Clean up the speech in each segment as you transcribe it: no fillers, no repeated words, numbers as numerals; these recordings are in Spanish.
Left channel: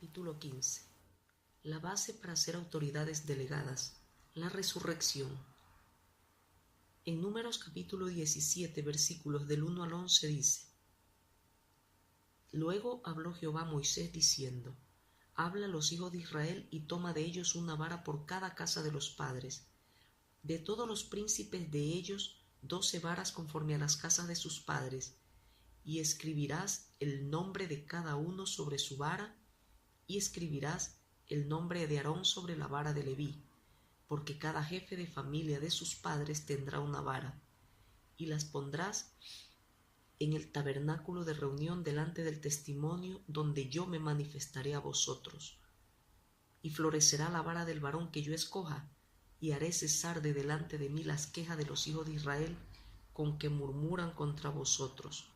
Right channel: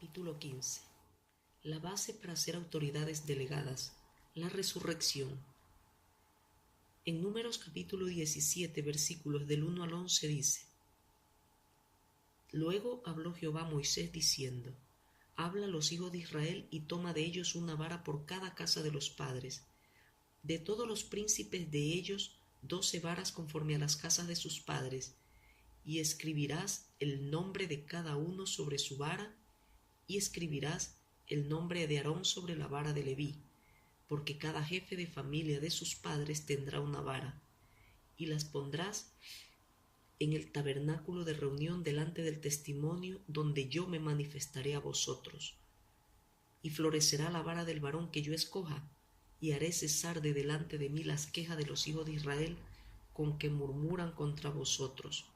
Capítulo 15. La base para ser autoridades delegadas. La resurrección. En Números capítulo 17, versículos del 1 al 11 dice: Luego habló Jehová a Moisés diciendo: Habla a los hijos de Israel y toma de ellos una vara por cada casa de los padres. De todos los príncipes de ellos 12 varas conforme a las casas de sus padres, y escribirás el nombre de cada uno sobre su vara, y escribirás el nombre de Aarón sobre la vara de Leví, porque cada jefe de familia de sus padres tendrá una vara, y las pondrás en el tabernáculo de reunión delante del testimonio donde yo me manifestaré a vosotros. Y florecerá la vara del varón que yo escoja, y haré cesar de delante de mí las quejas de los hijos de Israel con que murmuran contra vosotros.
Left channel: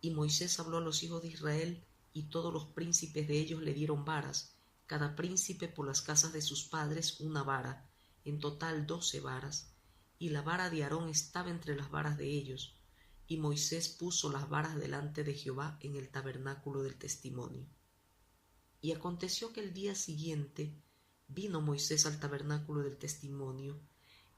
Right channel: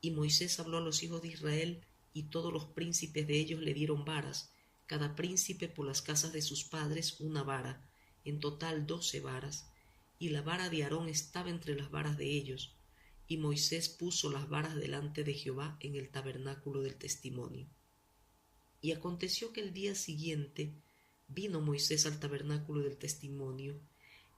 Y Moisés habló a los hijos de Israel, y todos los príncipes de ellos le dieron varas, cada príncipe por las casas de sus padres una vara, en total 12 varas, y la vara de Aarón estaba entre las varas de ellos, y Moisés puso las varas delante de Jehová en el tabernáculo del testimonio. Y aconteció que el día siguiente vino Moisés al tabernáculo del testimonio,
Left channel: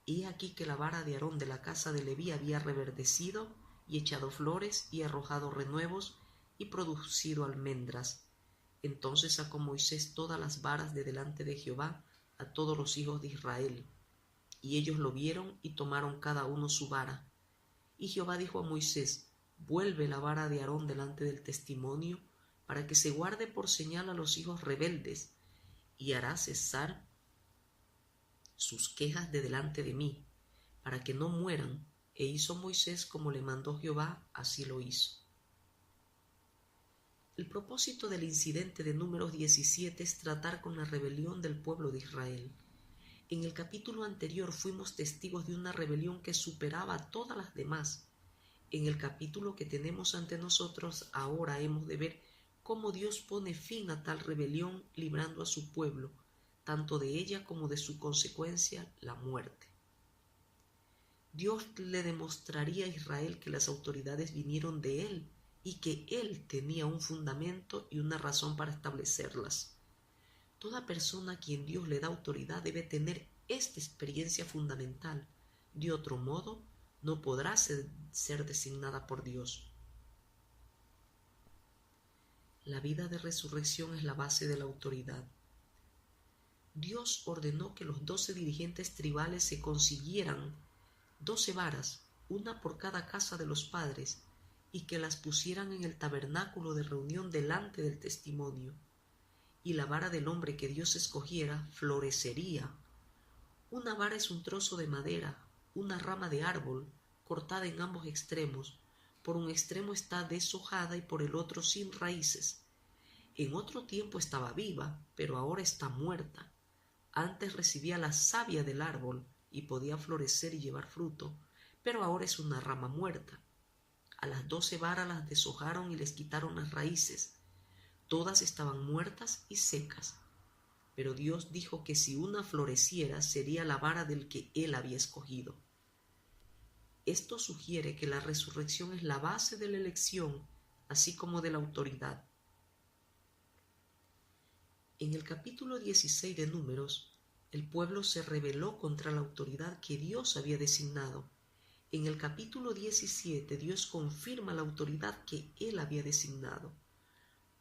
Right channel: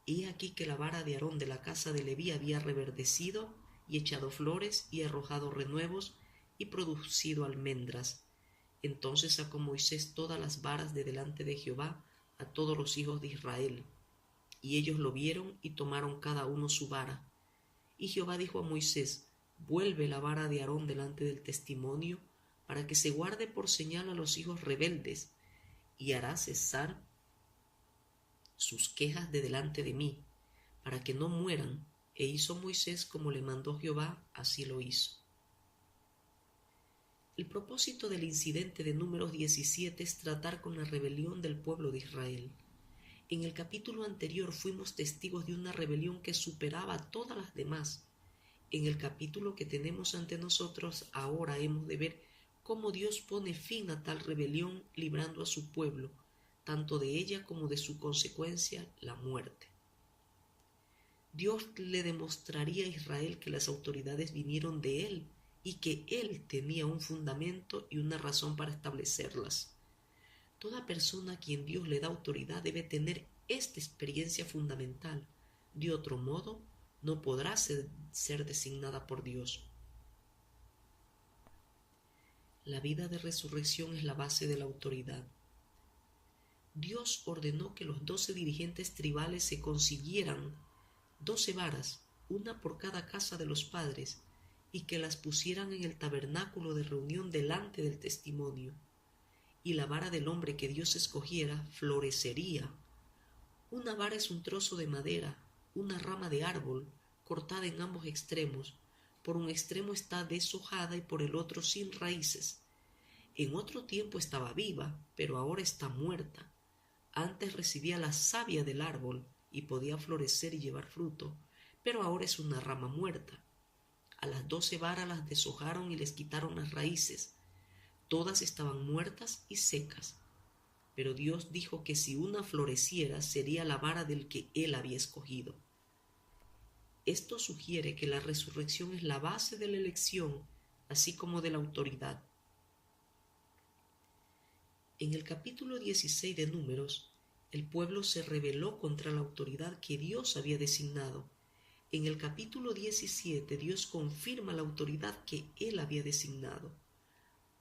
y he aquí que la vara de Aarón de la casa de Leví había reverdecido, y echado flores, y arrojado renuevos, y producido almendras. Entonces sacó Moisés todas las varas de delante de Jehová a todos los hijos de Israel, y ellos lo vieron y tomaron cada uno su vara. Y Jehová dijo a Moisés: Vuelve la vara de Aarón delante del testimonio, para que se guarde por señal a los hijos rebeldes, y hará cesar sus quejas de delante de mí, para que no mueran. E hizo Moisés como le mandó Jehová, así lo hizo. El propósito del incidente de Números 17 es tratar con la rebelión del pueblo de Israel. En el capítulo anterior fuimos testigos de una rebelión que superaba todas las demás. En el capítulo que tenemos ante nosotros ahora hemos de ver cómo Dios pone fin a tal rebelión, librando a su pueblo, tanto de ella como de su consecuencia, la muerte. Dios le demostraría a Israel que las autoridades vinieron de Él y que Él tenía un fundamento y una razón para establecerlas. Toda persona a quien Dios le da autoridad debe tener esta experiencia fundamental. De otro modo, no podrá ser designada por Dios. La vida de resurrección es la base de la autoridad. Dios ordenó que los 12 dirigentes tribales se consiguieran 12 varas, una por cada casa de los padres, y que las pusieran en el tabernáculo de reunión delante del testimonio. Y la vara del hombre que Dios escogiera florecería. Una vara es un trozo de madera, una rama de árbol, cortada en ambos extremos. Por un extremo está deshojada y por el otro sin raíces. En otro tiempo estaba viva, pero ahora está muerta. Antes recibía la savia del árbol y podía florecer y llevar fruto, pero ahora es una rama muerta. A las 12 varas las deshojaron y les quitaron las raíces. Todas estaban muertas y secas. Pero Dios dijo que si una floreciera sería la vara del que Él había escogido. Esto sugiere que la resurrección es la base de la elección, así como de la autoridad. En el capítulo 16 de Números, el pueblo se rebeló contra la autoridad que Dios había designado. En el capítulo 17, Dios confirma la autoridad que Él había designado.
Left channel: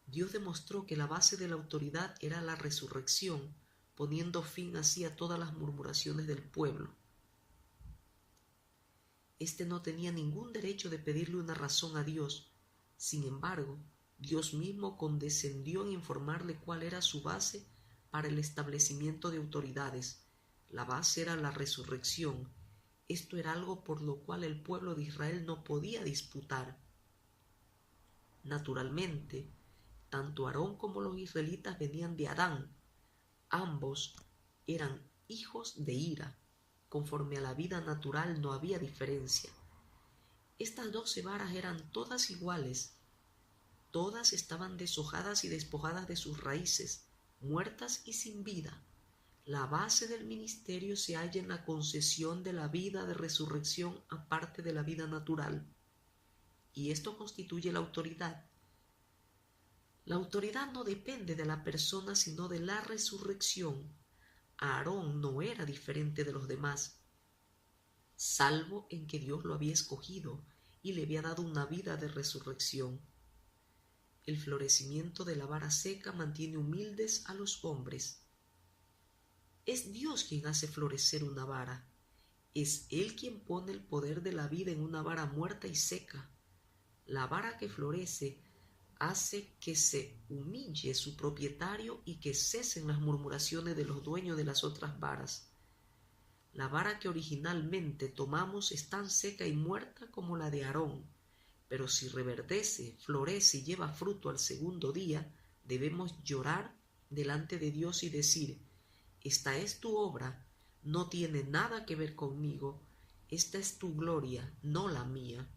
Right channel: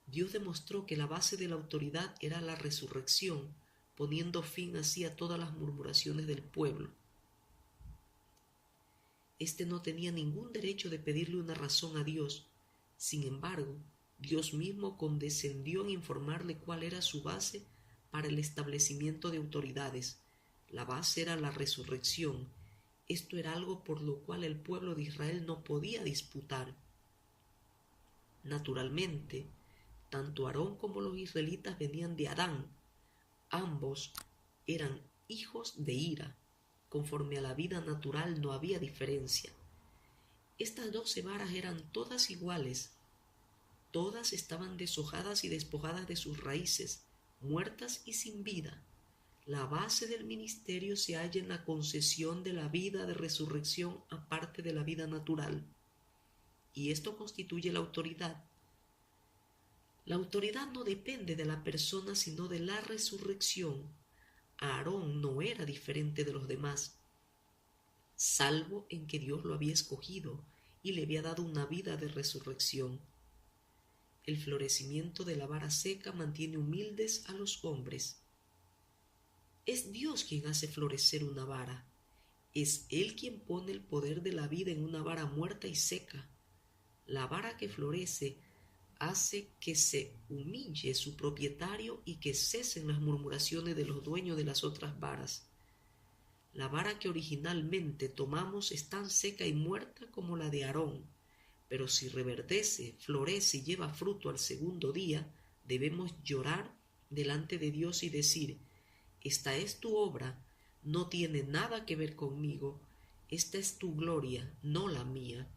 Dios demostró que la base de la autoridad era la resurrección, poniendo fin así a todas las murmuraciones del pueblo. Este no tenía ningún derecho de pedirle una razón a Dios. Sin embargo, Dios mismo condescendió en informarle cuál era su base para el establecimiento de autoridades. La base era la resurrección. Esto era algo por lo cual el pueblo de Israel no podía disputar. Naturalmente, tanto Aarón como los israelitas venían de Adán. Ambos eran hijos de ira. Conforme a la vida natural no había diferencia. Estas 12 varas eran todas iguales. Todas estaban deshojadas y despojadas de sus raíces, muertas y sin vida. La base del ministerio se halla en la concesión de la vida de resurrección aparte de la vida natural, y esto constituye la autoridad. La autoridad no depende de la persona, sino de la resurrección. Aarón no era diferente de los demás, salvo en que Dios lo había escogido y le había dado una vida de resurrección. El florecimiento de la vara seca mantiene humildes a los hombres. Es Dios quien hace florecer una vara. Es Él quien pone el poder de la vida en una vara muerta y seca. La vara que florece hace que se humille su propietario y que cesen las murmuraciones de los dueños de las otras varas. La vara que originalmente tomamos es tan seca y muerta como la de Aarón, pero si reverdece, florece y lleva fruto al segundo día, debemos llorar delante de Dios y decir: esta es tu obra, no tiene nada que ver conmigo, esta es tu gloria, no la mía.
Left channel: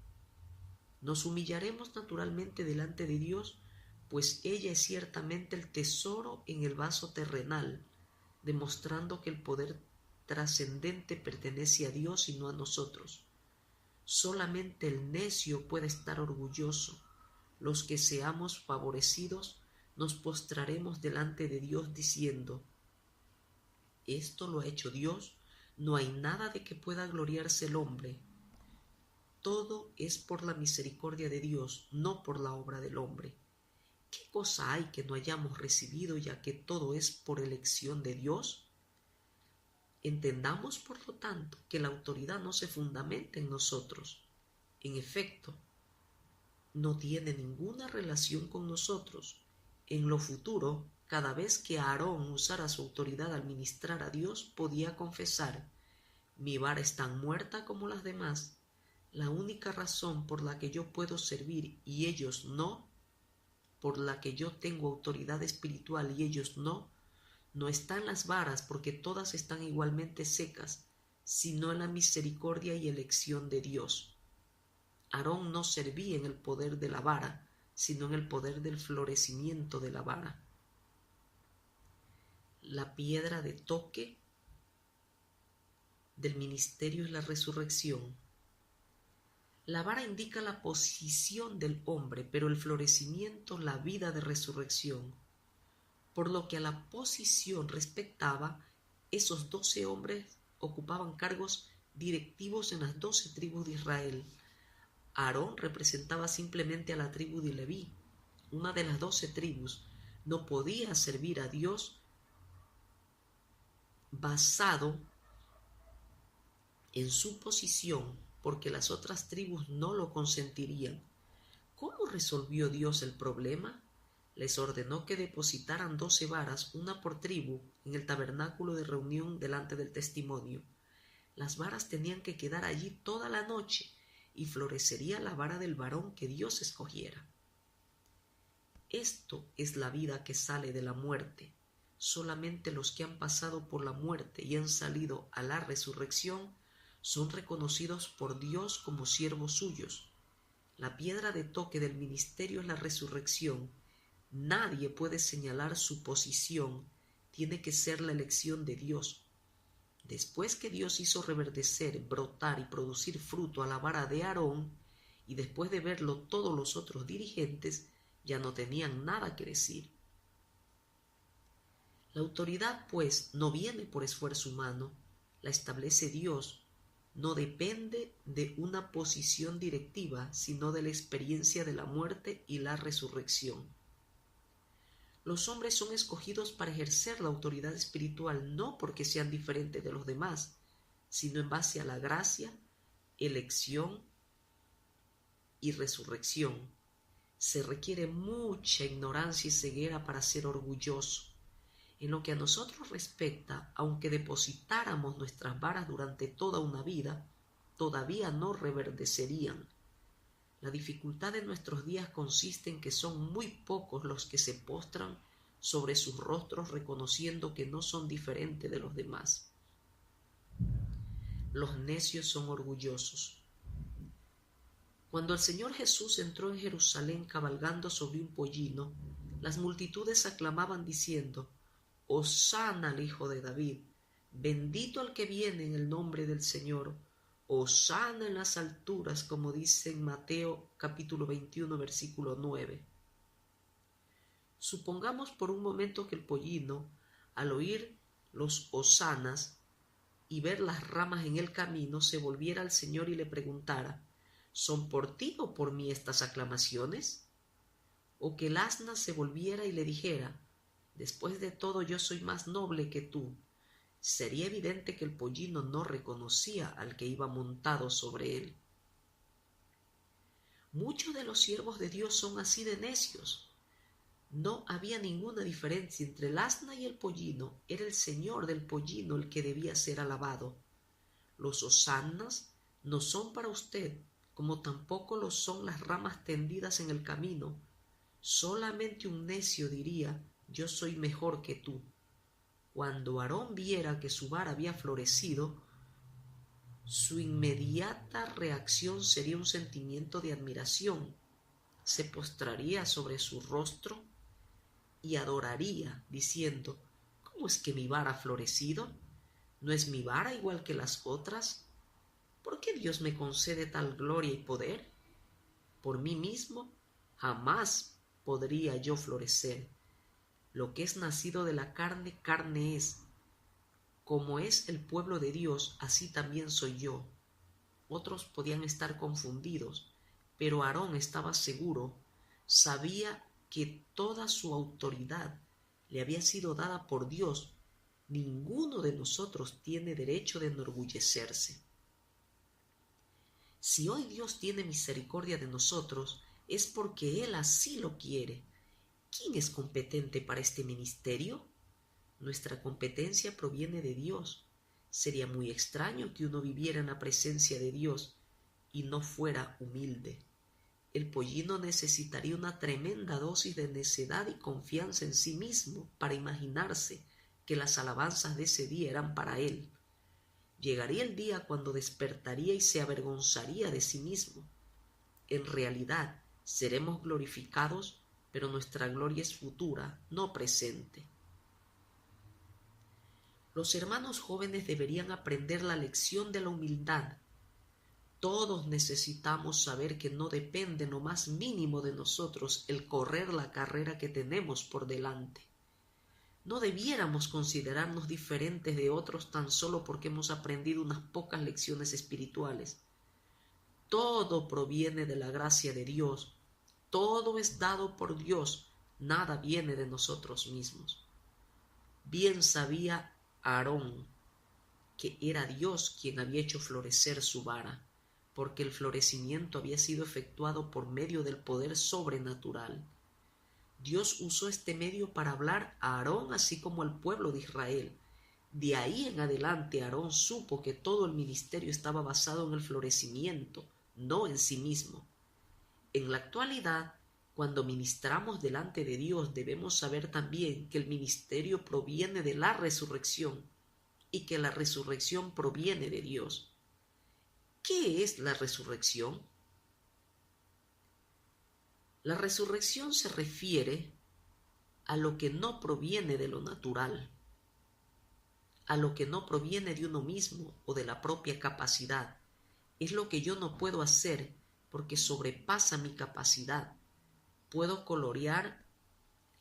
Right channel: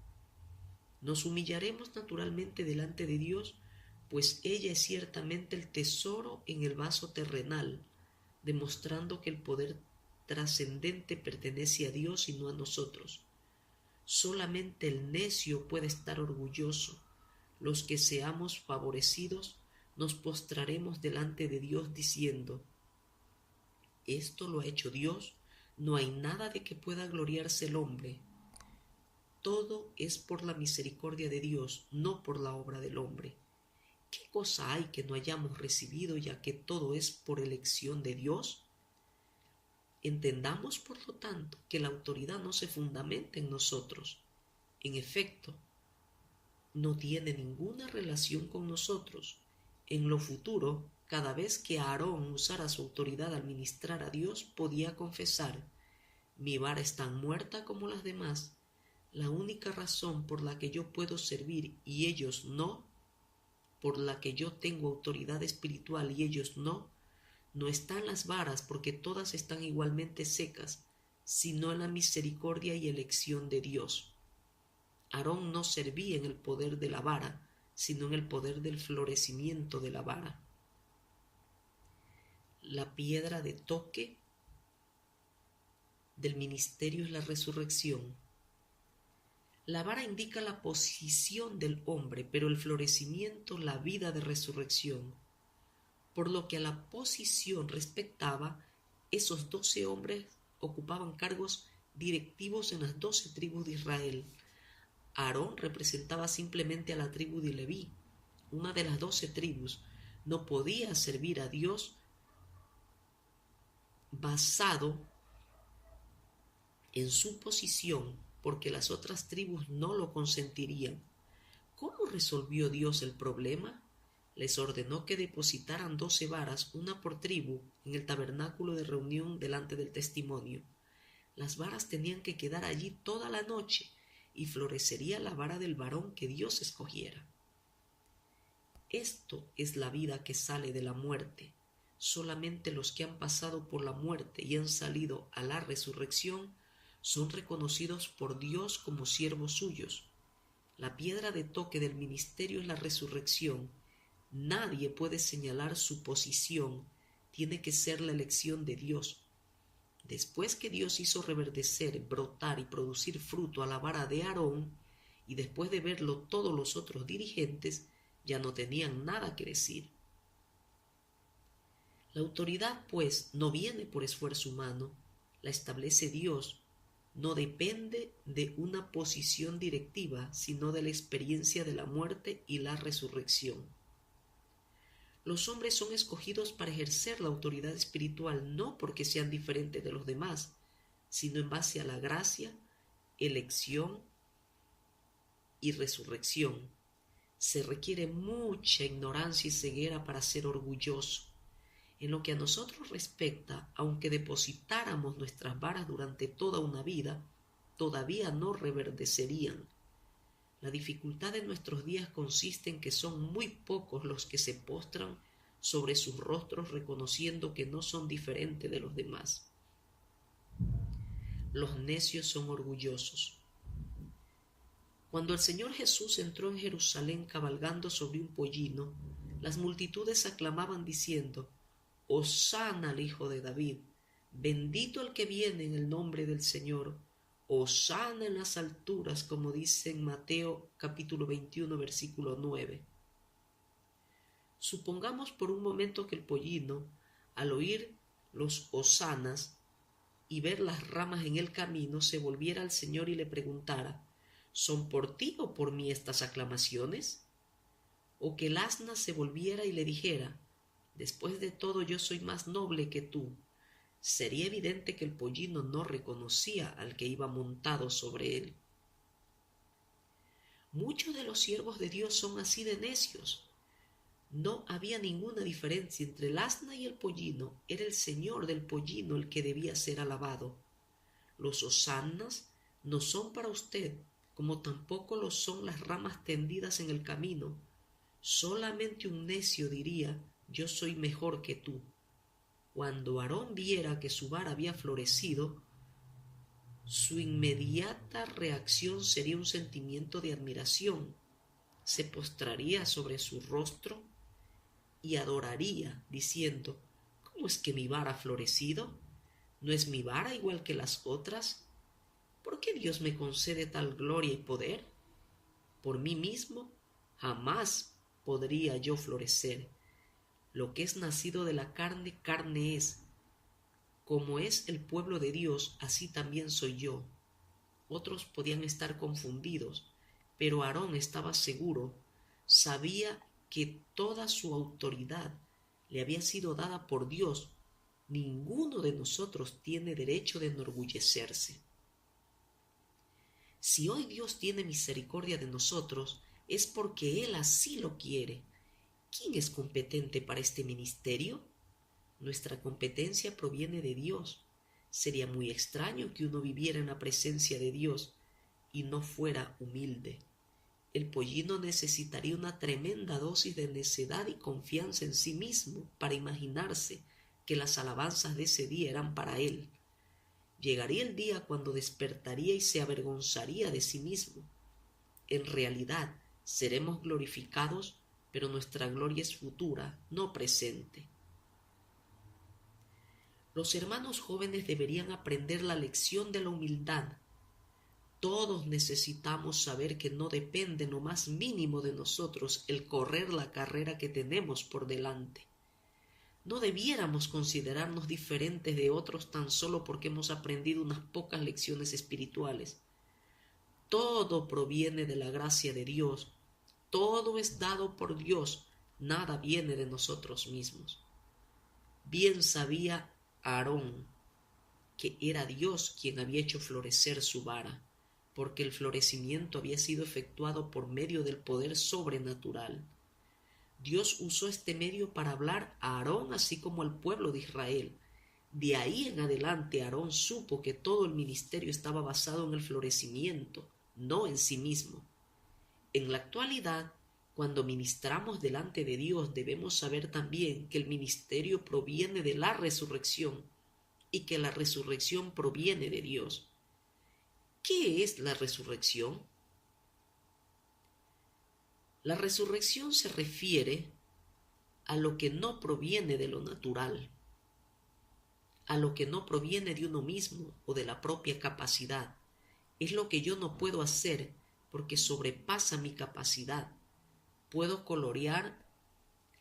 Nos humillaremos naturalmente delante de Dios, pues ella es ciertamente el tesoro en el vaso terrenal, demostrando que el poder trascendente pertenece a Dios y no a nosotros. Solamente el necio puede estar orgulloso. Los que seamos favorecidos nos postraremos delante de Dios diciendo: esto lo ha hecho Dios, no hay nada de que pueda gloriarse el hombre. Todo es por la misericordia de Dios, no por la obra del hombre. ¿Qué cosa hay que no hayamos recibido, ya que todo es por elección de Dios? Entendamos, por lo tanto, que la autoridad no se fundamenta en nosotros. En efecto, no tiene ninguna relación con nosotros. En lo futuro, cada vez que Aarón usara su autoridad al ministrar a Dios, podía confesar: mi vara es tan muerta como las demás. La única razón por la que yo puedo servir y ellos no, por la que yo tengo autoridad espiritual y ellos no, no está en las varas, porque todas están igualmente secas, sino en la misericordia y elección de Dios. Aarón no servía en el poder de la vara, sino en el poder del florecimiento de la vara. La piedra de toque del ministerio es la resurrección. La vara indica la posición del hombre, pero el florecimiento la vida de resurrección. Por lo que a la posición respectaba, esos 12 hombres ocupaban cargos directivos en las 12 tribus de Israel. Aarón representaba simplemente a la tribu de Leví. Una de las 12 tribus no podía servir a Dios basado en su posición, porque las otras tribus no lo consentirían. ¿Cómo resolvió Dios el problema? Les ordenó que depositaran 12 varas, una por tribu, en el tabernáculo de reunión delante del testimonio. Las varas tenían que quedar allí toda la noche, y florecería la vara del varón que Dios escogiera. Esto es la vida que sale de la muerte. Solamente los que han pasado por la muerte y han salido a la resurrección son reconocidos por Dios como siervos suyos. La piedra de toque del ministerio es la resurrección. Nadie puede señalar su posición, tiene que ser la elección de Dios. Después que Dios hizo reverdecer, brotar y producir fruto a la vara de Aarón, y después de verlo todos los otros dirigentes ya no tenían nada que decir. La autoridad, pues, no viene por esfuerzo humano, la establece Dios. No depende de una posición directiva, sino de la experiencia de la muerte y la resurrección. Los hombres son escogidos para ejercer la autoridad espiritual no porque sean diferentes de los demás, sino en base a la gracia, elección y resurrección. Se requiere mucha ignorancia y ceguera para ser orgulloso. En lo que a nosotros respecta, aunque depositáramos nuestras varas durante toda una vida, todavía no reverdecerían. La dificultad de nuestros días consiste en que son muy pocos los que se postran sobre sus rostros reconociendo que no son diferentes de los demás. Los necios son orgullosos. Cuando el Señor Jesús entró en Jerusalén cabalgando sobre un pollino, las multitudes aclamaban diciendo: Hosana al Hijo de David, bendito el que viene en el nombre del Señor, Hosana en las alturas, como dice en Mateo capítulo 21, versículo 9. Supongamos por un momento que el pollino, al oír los hosanas y ver las ramas en el camino, se volviera al Señor y le preguntara: ¿son por ti o por mí estas aclamaciones? O que el asna se volviera y le dijera: después de todo yo soy más noble que tú. Sería evidente que el pollino no reconocía al que iba montado sobre él. Muchos de los siervos de Dios son así de necios. No había ninguna diferencia entre el asna y el pollino. Era el señor del pollino el que debía ser alabado. Los hosanas no son para usted, como tampoco lo son las ramas tendidas en el camino. Solamente un necio diría: yo soy mejor que tú. Cuando Aarón viera que su vara había florecido, su inmediata reacción sería un sentimiento de admiración. Se postraría sobre su rostro y adoraría, diciendo: ¿cómo es que mi vara ha florecido? ¿No es mi vara igual que las otras? ¿Por qué Dios me concede tal gloria y poder? Por mí mismo jamás podría yo florecer. Lo que es nacido de la carne, carne es. Como es el pueblo de Dios, así también soy yo. Otros podían estar confundidos, pero Aarón estaba seguro, sabía que toda su autoridad le había sido dada por Dios. Ninguno de nosotros tiene derecho de enorgullecerse. Si hoy Dios tiene misericordia de nosotros, es porque Él así lo quiere. ¿Quién es competente para este ministerio? Nuestra competencia proviene de Dios. Sería muy extraño que uno viviera en la presencia de Dios y no fuera humilde. El pollino necesitaría una tremenda dosis de necedad y confianza en sí mismo para imaginarse que las alabanzas de ese día eran para él. Llegaría el día cuando despertaría y se avergonzaría de sí mismo. En realidad, seremos glorificados, pero nuestra gloria es futura, no presente. Los hermanos jóvenes deberían aprender la lección de la humildad. Todos necesitamos saber que no depende en lo más mínimo de nosotros el correr la carrera que tenemos por delante. No debiéramos considerarnos diferentes de otros tan solo porque hemos aprendido unas pocas lecciones espirituales. Todo proviene de la gracia de Dios. Todo es dado por Dios. Nada viene de nosotros mismos. Bien sabía Aarón que era Dios quien había hecho florecer su vara, porque el florecimiento había sido efectuado por medio del poder sobrenatural. Dios usó este medio para hablar a Aarón así como al pueblo de Israel. De ahí en adelante Aarón supo que todo el ministerio estaba basado en el florecimiento, no en sí mismo. En la actualidad, cuando ministramos delante de Dios, debemos saber también que el ministerio proviene de la resurrección y que la resurrección proviene de Dios. ¿Qué es la resurrección? La resurrección se refiere a lo que no proviene de lo natural, a lo que no proviene de uno mismo o de la propia capacidad. Es lo que yo no puedo hacer porque sobrepasa mi capacidad. Puedo colorear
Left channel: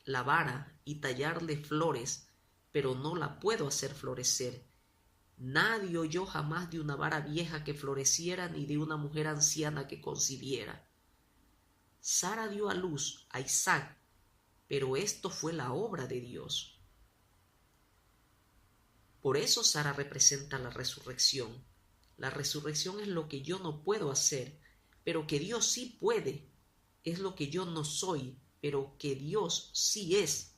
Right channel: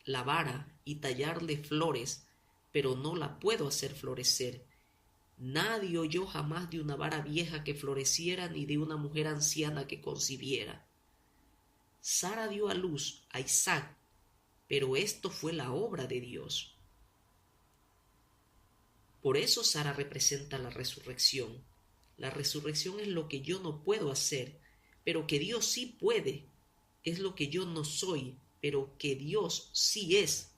la vara y tallarle flores, pero no la puedo hacer florecer. Nadie oyó jamás de una vara vieja que floreciera ni de una mujer anciana que concibiera. Sara dio a luz a Isaac, pero esto fue la obra de Dios. Por eso Sara representa la resurrección. La resurrección es lo que yo no puedo hacer, pero que Dios sí puede. Es lo que yo no soy, pero que Dios sí es.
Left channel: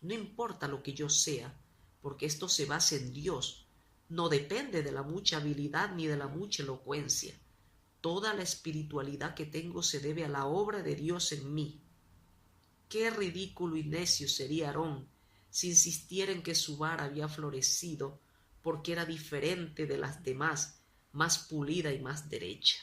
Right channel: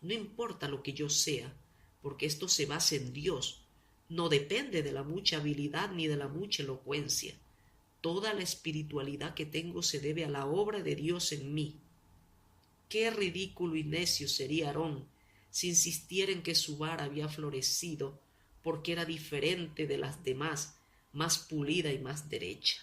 No importa lo que yo sea, porque esto se basa en Dios. No depende de la mucha habilidad ni de la mucha elocuencia. Toda la espiritualidad que tengo se debe a la obra de Dios en mí. Qué ridículo y necio sería Aarón si insistiera en que su vara había florecido porque era diferente de las demás, más pulida y más derecha.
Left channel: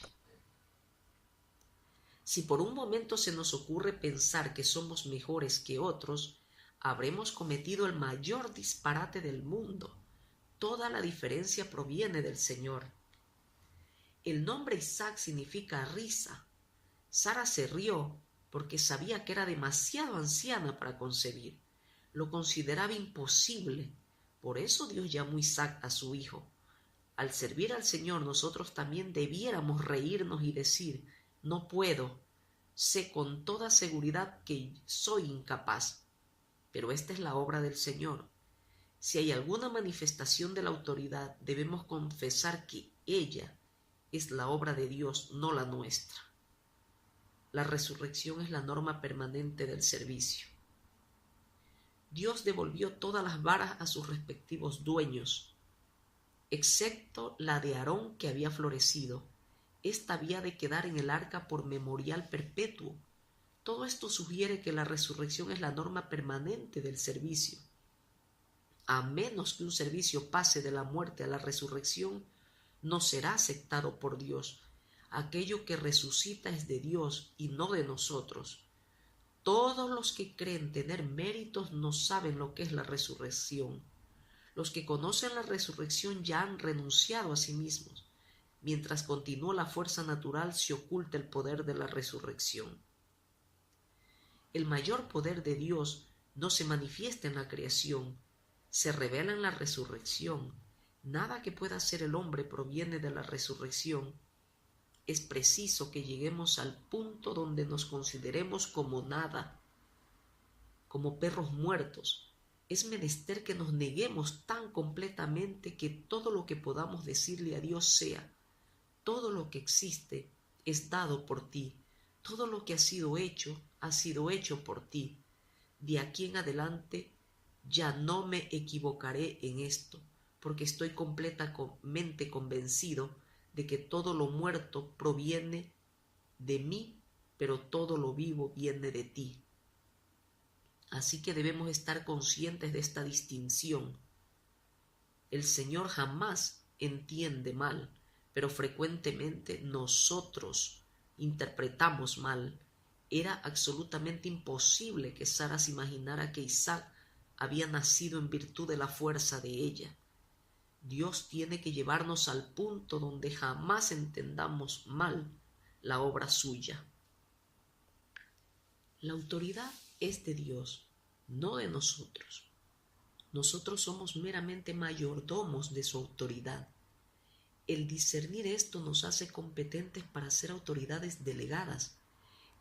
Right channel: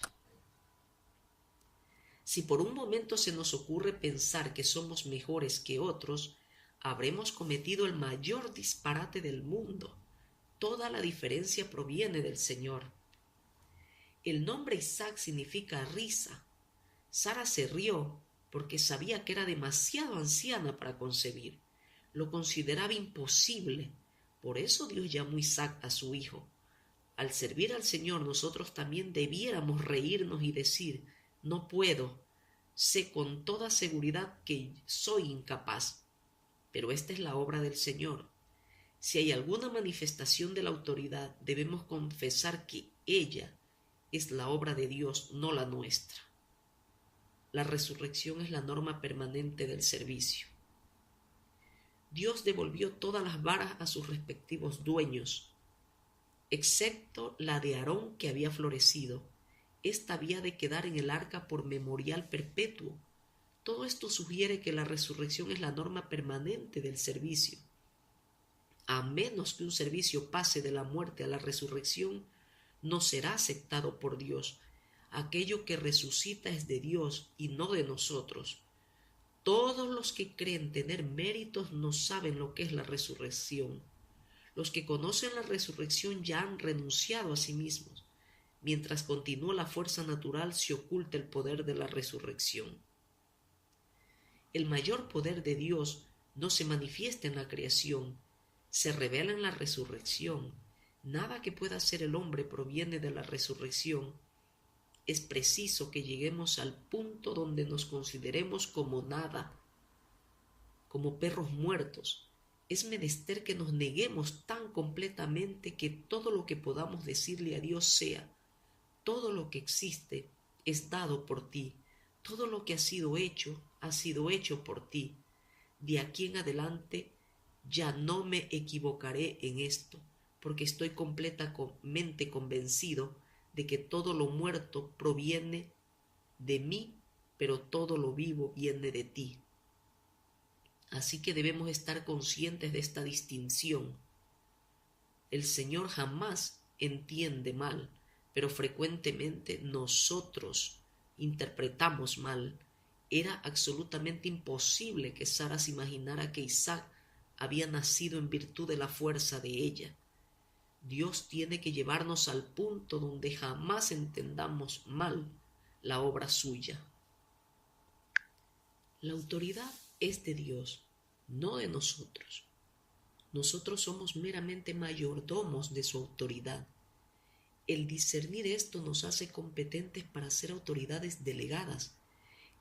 Si por un momento se nos ocurre pensar que somos mejores que otros, habremos cometido el mayor disparate del mundo. Toda la diferencia proviene del Señor. El nombre Isaac significa risa. Sara se rió, porque sabía que era demasiado anciana para concebir. Lo consideraba imposible. Por eso Dios llamó a Isaac a su hijo. Al servir al Señor, nosotros también debiéramos reírnos y decir: no puedo, sé con toda seguridad que soy incapaz, pero esta es la obra del Señor. Si hay alguna manifestación de la autoridad, debemos confesar que ella es la obra de Dios, no la nuestra. La resurrección es la norma permanente del servicio. Dios devolvió todas las varas a sus respectivos dueños, excepto la de Aarón, que había florecido. Esta había de quedar en el arca por memorial perpetuo. Todo esto sugiere que la resurrección es la norma permanente del servicio. A menos que un servicio pase de la muerte a la resurrección, no será aceptado por Dios. Aquello que resucita es de Dios y no de nosotros. Todos los que creen tener méritos no saben lo que es la resurrección. Los que conocen la resurrección ya han renunciado a sí mismos. Mientras continúa la fuerza natural, se oculta el poder de la resurrección. El mayor poder de Dios no se manifiesta en la creación, se revela en la resurrección. Nada que pueda hacer el hombre proviene de la resurrección. Es preciso que lleguemos al punto donde nos consideremos como nada, como perros muertos. Es menester que nos neguemos tan completamente que todo lo que podamos decirle a Dios sea: todo lo que existe es dado por ti, todo lo que ha sido hecho por ti. De aquí en adelante ya no me equivocaré en esto, porque estoy completamente convencido de que todo lo muerto proviene de mí, pero todo lo vivo viene de ti. Así que debemos estar conscientes de esta distinción. El Señor jamás entiende mal, pero frecuentemente nosotros interpretamos mal. Era absolutamente imposible que Sara se imaginara que Isaac había nacido en virtud de la fuerza de ella. Dios tiene que llevarnos al punto donde jamás entendamos mal la obra suya. La autoridad es de Dios, no de nosotros. Nosotros somos meramente mayordomos de su autoridad. El discernir esto nos hace competentes para ser autoridades delegadas.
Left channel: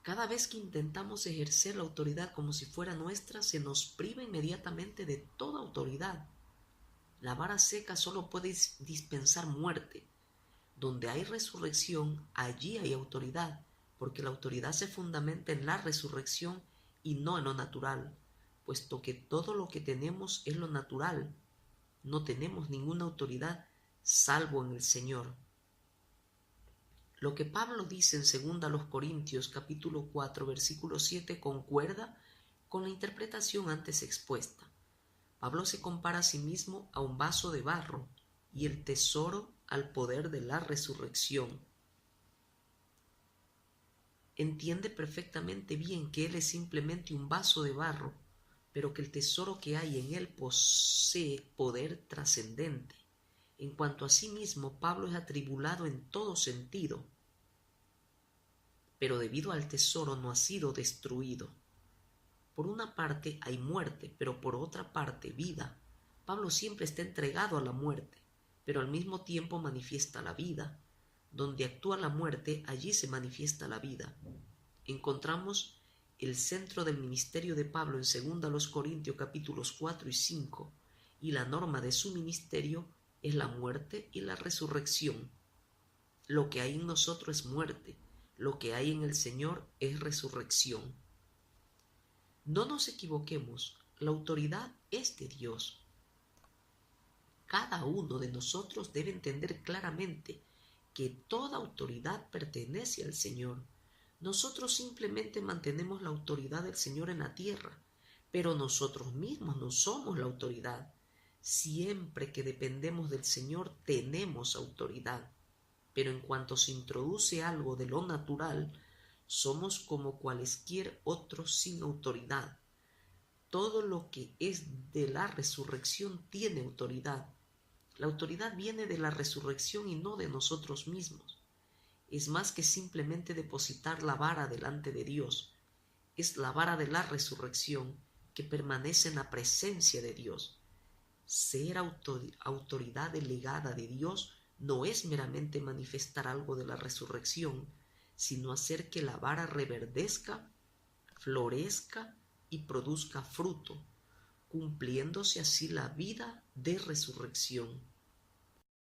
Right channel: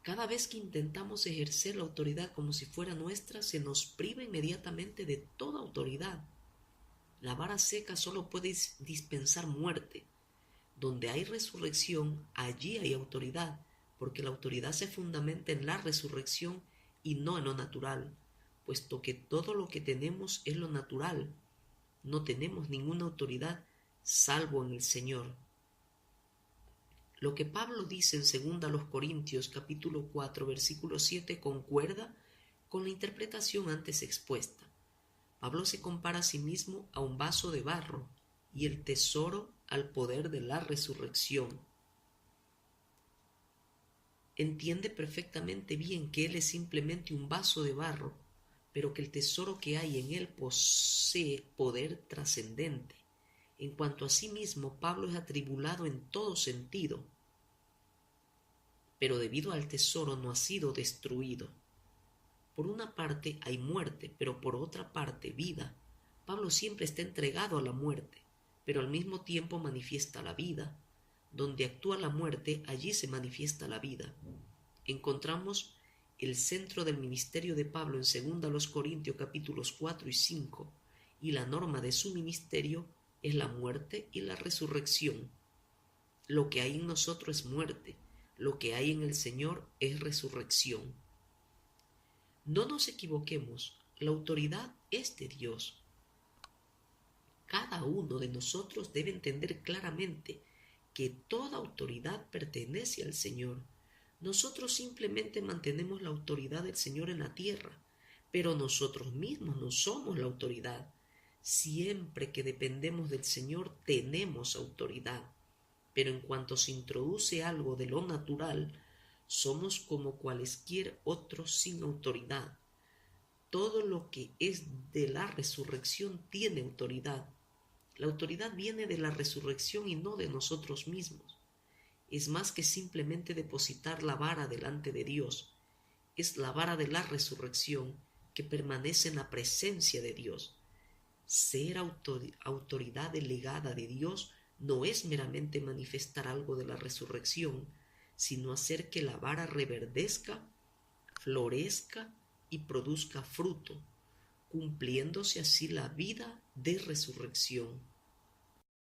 Cada vez que intentamos ejercer la autoridad como si fuera nuestra, se nos priva inmediatamente de toda autoridad. La vara seca solo puede dispensar muerte. Donde hay resurrección, allí hay autoridad, porque la autoridad se fundamenta en la resurrección y no en lo natural, puesto que todo lo que tenemos es lo natural. No tenemos ninguna autoridad salvo en el Señor. Lo que Pablo dice en 2 Corintios capítulo 4 versículo 7 concuerda con la interpretación antes expuesta. Pablo se compara a sí mismo a un vaso de barro y el tesoro al poder de la resurrección. Entiende perfectamente bien que él es simplemente un vaso de barro, pero que el tesoro que hay en él posee poder trascendente. En cuanto a sí mismo, Pablo es atribulado en todo sentido, pero debido al tesoro no ha sido destruido. Por una parte hay muerte, pero por otra parte vida. Pablo siempre está entregado a la muerte, pero al mismo tiempo manifiesta la vida. Donde actúa la muerte, allí se manifiesta la vida. Encontramos el centro del ministerio de Pablo en 2 Corintios capítulos 4 y 5, y la norma de su ministerio es la muerte y la resurrección. Lo que hay en nosotros es muerte, lo que hay en el Señor es resurrección. No nos equivoquemos, la autoridad es de Dios. Cada uno de nosotros debe entender claramente que toda autoridad pertenece al Señor. Nosotros simplemente mantenemos la autoridad del Señor en la tierra, pero nosotros mismos no somos la autoridad. Siempre que dependemos del Señor tenemos autoridad, pero en cuanto se introduce algo de lo natural, somos como cualesquier otros sin autoridad. Todo lo que es de la resurrección tiene autoridad. La autoridad viene de la resurrección y no de nosotros mismos. Es más que simplemente depositar la vara delante de Dios. es la vara de la resurrección que permanece en la presencia de Dios. Ser autoridad delegada de Dios no es meramente manifestar algo de la resurrección, sino hacer que la vara reverdezca, florezca y produzca fruto, cumpliéndose así la vida de resurrección.